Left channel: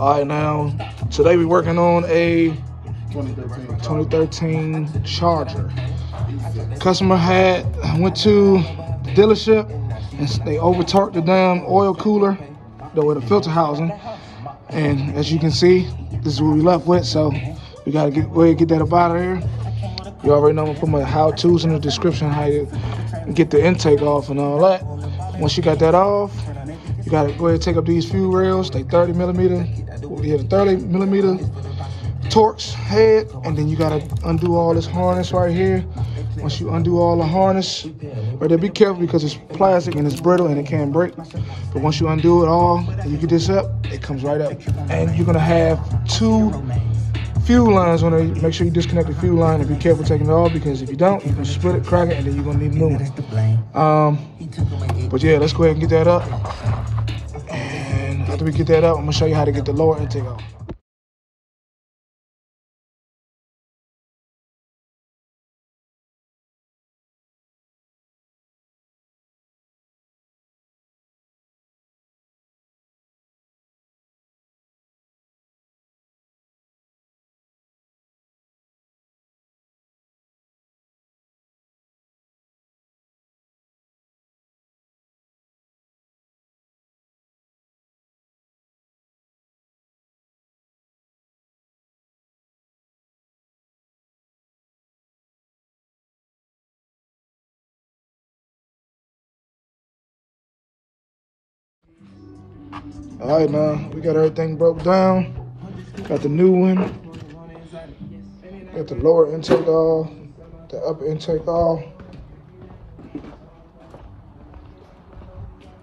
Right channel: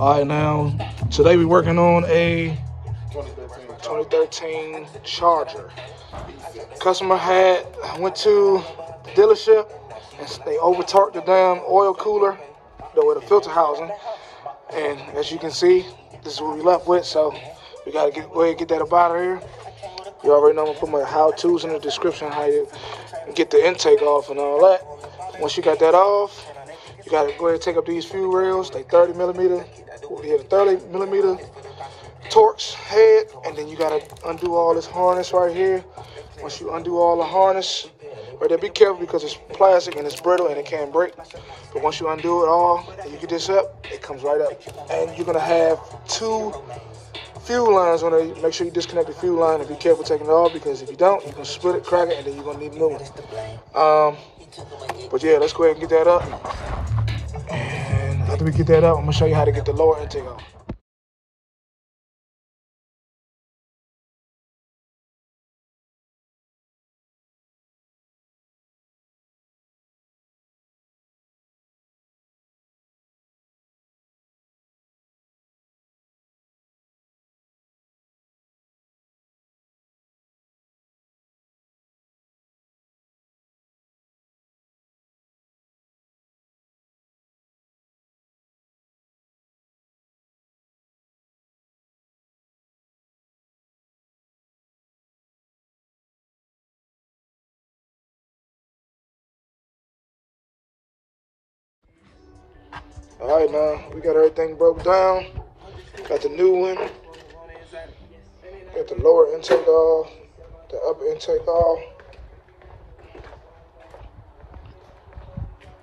All right, now today we're working on a 2013 Charger. Customer went to the dealership and they over torqued the damn oil cooler with the filter housing, and as you can see, this is what we left with. So we gotta go ahead and get that up out of here. You already know I'm gonna put my how-tos in the description, how you get the intake off and all that. Once you got that off, you gotta go ahead and take up these fuel rails. They 30 millimeter torx head, and then you gotta undo all this harness right here. Once you undo all the harness, right there, be careful because it's plastic and it's brittle and it can break. But once you undo it all and you get this up, it comes right up. And you're gonna have 2 fuel lines on there. Make sure you disconnect the fuel line and be careful taking it off, because if you don't, you can split it, crack it, and then you're gonna need a new one. But yeah, let's go ahead and get that up. And after we get that up, I'm gonna show you how to get the lower intake off. All right, now we got everything broke down. Got the new one. Got the lower intake off, the upper intake off.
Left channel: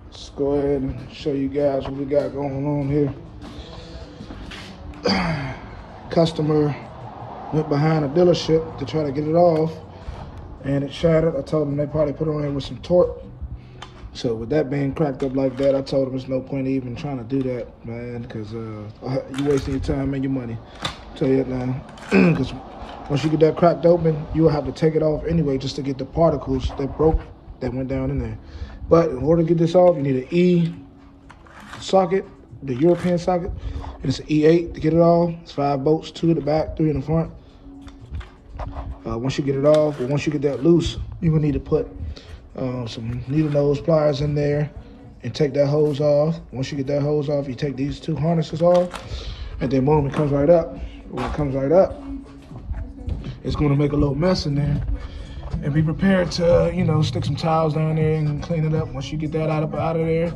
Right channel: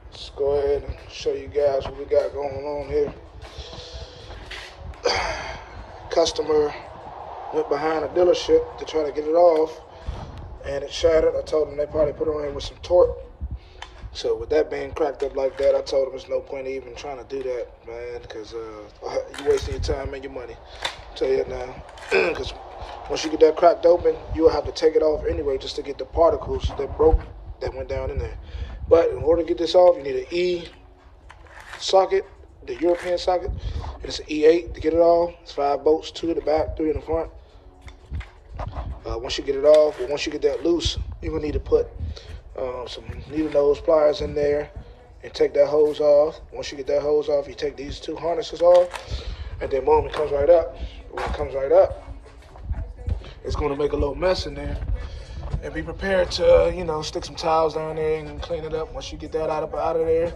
Let's go ahead and show you guys what we got going on here. Customer went behind the dealership to try to get it off, and it shattered. I told them they probably put it on there with some torque. So with that being cracked up like that, I told them there's no point even trying to do that, man, because you're wasting your time and your money. I'll tell you that now. Because once you get that cracked open, you'll have to take it off anyway just to get the particles that broke, that went down in there. But in order to get this off, you need an E socket, the European socket. And it's an E8 to get it off. It's 5 bolts, 2 in the back, 3 in the front. Once you get it off, or once you get that loose, you're gonna need to put some needle nose pliers in there and take that hose off. Once you get that hose off, you take these 2 harnesses off, and then boom, it comes right up. When it comes right up, it's gonna make a little mess in there. And be prepared to, stick some towels down there and clean it up. Once you get that out of there,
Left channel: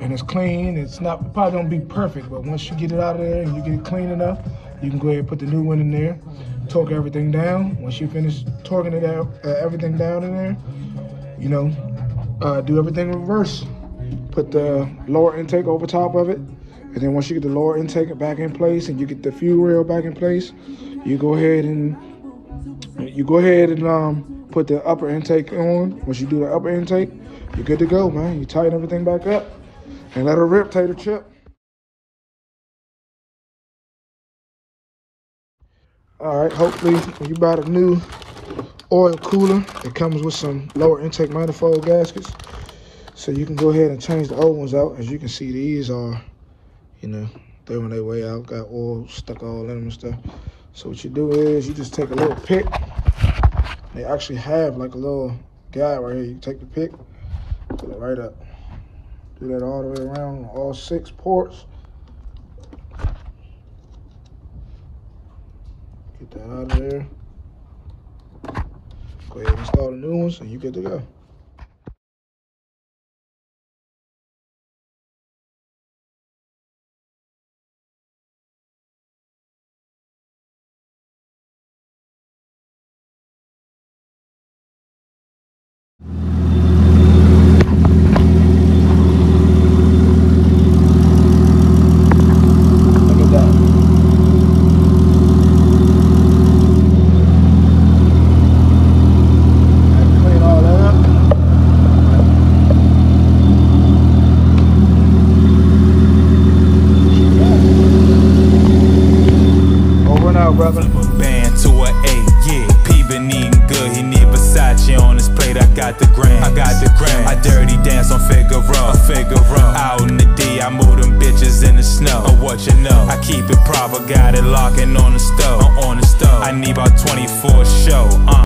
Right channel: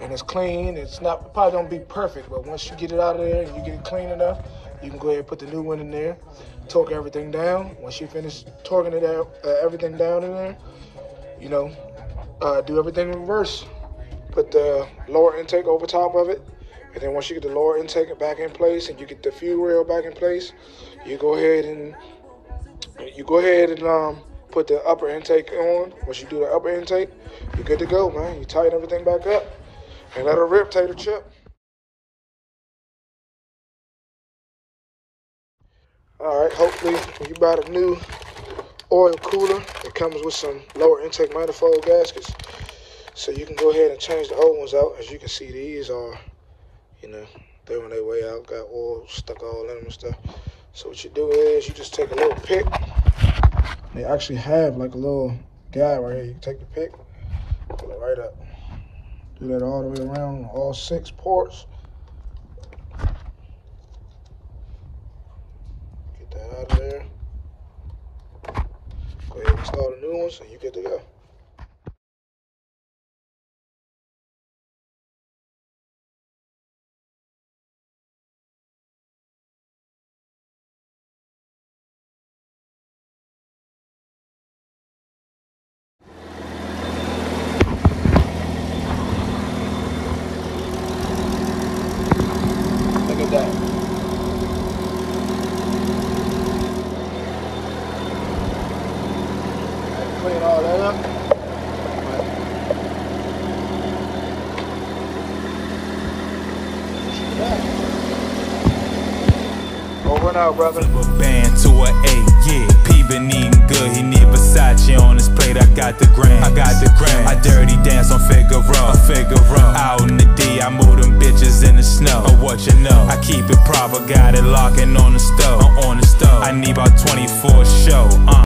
and it's clean, it's not probably gonna be perfect, but once you get it out of there and you get it clean enough, you can go ahead and put the new one in there, torque everything down. Once you finish torquing it out, everything down in there, do everything in reverse. Put the lower intake over top of it, and then once you get the lower intake back in place and you get the fuel rail back in place, you go ahead and put the upper intake on. Once you do the upper intake, you're good to go, man. You tighten everything back up and let it rip, tater chip. All right, hopefully when you buy the new oil cooler, it comes with some lower intake manifold gaskets, so you can go ahead and change the old ones out. As you can see, these are, throwing their way out, got oil stuck all in them and stuff. So what you do is you just take a little pick. They actually have like a little guide right here. You take the pick, pull it right up. Do that all the way around all 6 ports. Get that out of there. Go ahead and install the new ones and you're good to go. got the gram. I dirty dance on Figaro. Out in the D, I move them bitches in the snow. Or what you know, I keep it proper, got it locking on the stove. I need about 24 show.